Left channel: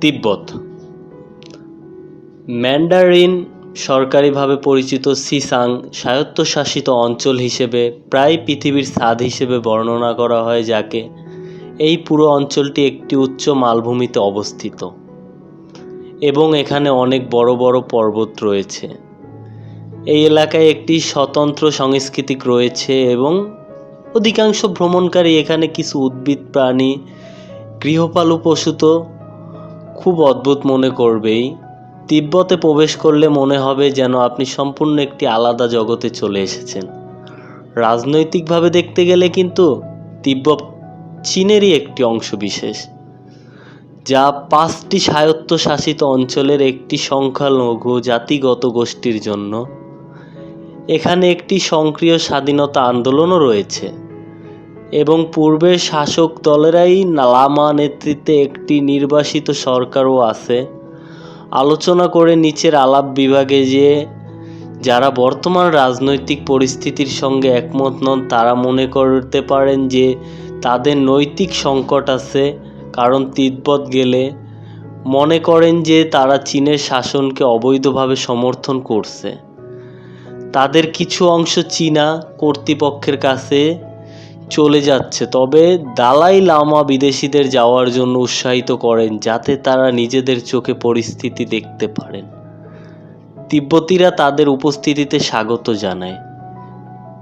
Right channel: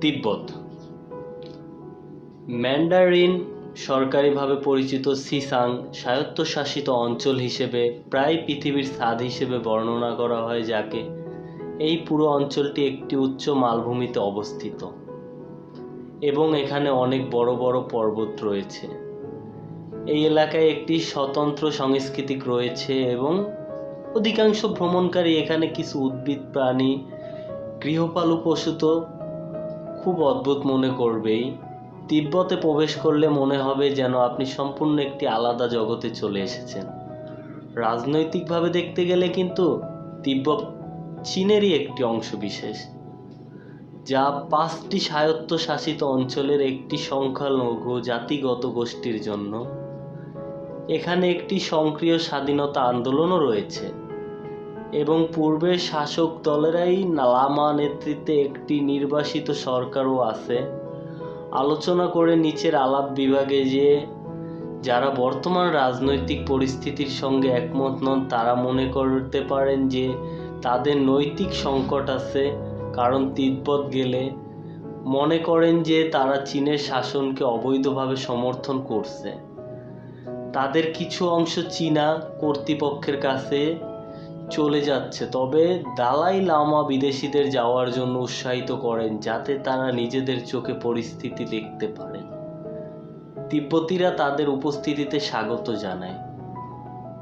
তিব্বত। Mandarin সরকারিভাবে পরিচিত সিসাং স্বায়ত্তশাসিত অঞ্চল হিসেবে প্রায় পৃথিবীর ছাদ হিসেবে বর্ণনা করা হয়, যাকে এই পুরো অঞ্চলটি একটি উচ্চ মালভূমিতে অবস্থিত এবং এখানে অনেক বড় বড় পর্বত রয়েছে। এই এলাকায় একটি স্বতন্ত্র সাংস্কৃতিক রয়েছে এবং অধিকাংশ ভ্রমণকারী এখানে কিছু উদ্ভিদ, প্রাণী, গৃহপালু পশু তো খুব অদ্ভুত মনে করবেই। তিব্বতে প্রবেশ করলে মনে হবে যেন আপনি সম্পূর্ণ একটি আলাদা জগতে চলে এসেছেন। রাজনৈতিকভাবে দেখতে গেলে কিন্তু তিব্বত চীনেরই একটি অংশ বিশেষ, যা পাঁচটি স্বায়ত্তশাসিত অঞ্চলের একটি সংখ্যালঘু জাতিগত গোষ্ঠীর জন্য। এখানে একটি সক্রিয় স্বাধীনতা আন্দোলনও রয়েছে। এবং পূর্বের শাসক দলেরাই লামা নেতৃত্বে একটি নির্বাসিত সরকারও আছে। আলোচনা করে নিচের আলাপ বিভাগে যে যারা বর্তমান রাজনৈতিক পরিস্থিতির সঙ্গে একমত নন, তারা মনে করতে পারেন যে তাদের নৈতিক সংকট আছে, কারণ তিব্বত গেলে মনে করেন যে তারা চীনের শাসনকে অবৈধভাবে সমর্থন করছে। তাদের কিছু অংশ চীনা কর্তৃপক্ষের কাছে চলে যাচ্ছে। তবে দালাই লামা বিদেশিদের যাওয়ার জন্য উৎসাহিত করেন যাতে তারা নিজেদের চোখে পরিস্থিতি দেখতে পারেন। তিব্বতীরা তাদের উপস্থিতিতে স্বাগত জানায়।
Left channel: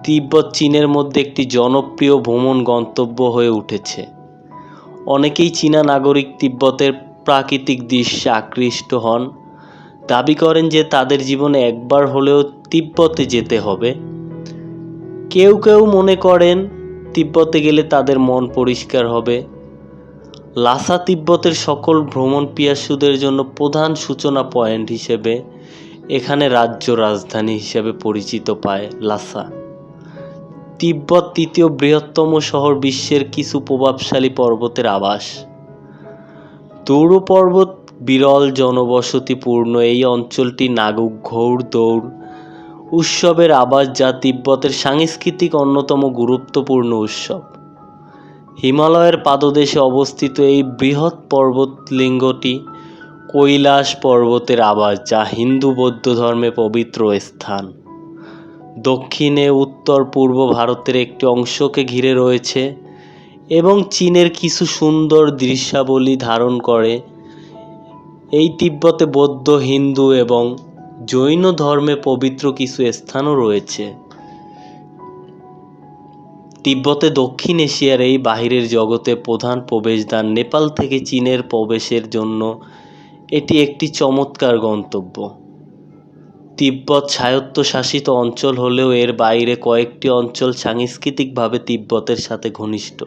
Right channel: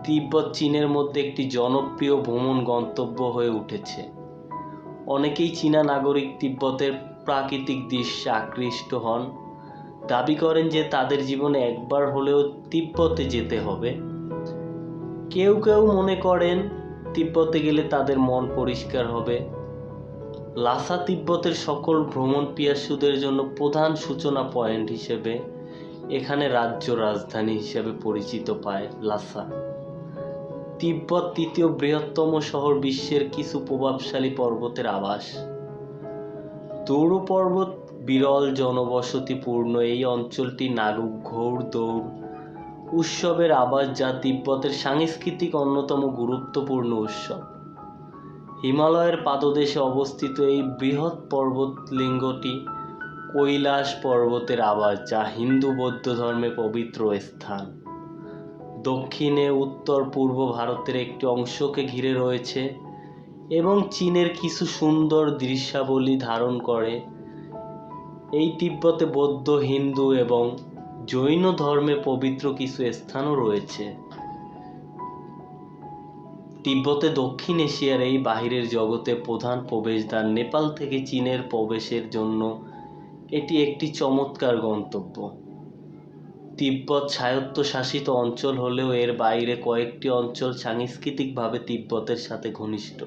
তিব্বত চীনের মধ্যে একটি জনপ্রিয় ভ্রমণ গন্তব্য হয়ে উঠেছে। অনেকেই চীনা নাগরিক তিব্বতের প্রাকৃতিক দৃশ্যে আকৃষ্ট হন। দাবি করেন যে তাদের জীবনে একবার হলেও তিব্বতে যেতে হবে। কেউ কেউ মনে করেন তিব্বতে গেলে তাদের মন পরিষ্কার হবে। লাসা তিব্বতের সকল ভ্রমণ পিয়াসুদের জন্য প্রধান সূচনা পয়েন্ট হিসেবে এখানে রাজ্য রাজধানী হিসেবে পরিচিত পায় লাসা। তিব্বত তৃতীয় বৃহত্তম শহর বিশ্বের কিছু প্রভাবশালী পর্বতের আবাস। দৌড় পর্বত বিরল জনবসতিপূর্ণ এই অঞ্চলটি নাগুক ঘৌড় দৌড় উৎসবের আবাস যা তিব্বতের সাংস্কৃতিক অন্যতম গুরুত্বপূর্ণ উৎসব। হিমালয়ের পাদদেশে অবস্থিত এই বৃহৎ পর্বতলিঙ্গটি কৈলাস পর্বতের আবাস, যা হিন্দু বৌদ্ধ ধর্মে পবিত্র স্থান। দক্ষিণে, উত্তর, পূর্ব ভারতের একটি অংশকে ঘিরে রয়েছে এবং চীনের কিছু সুন্দর দৃশ্যাবলী ধারণ করে। এই তিব্বতে বৌদ্ধ, হিন্দু এবং জৈন ধর্মে পবিত্র কিছু স্থানও রয়েছে। তিব্বতে দক্ষিণ এশিয়ার এই বাহিরের জগতে প্রধান প্রবেশদ্বার নেপাল থেকে চীনের প্রবেশের জন্য এটি একটি চমৎকার গন্তব্য। তিব্বত স্বায়ত্তশাসিত অঞ্চল হলেও এর বাইরে কয়েকটি অঞ্চল সাংস্কৃতিকভাবে তিব্বতের সাথে ঘনিষ্ঠ।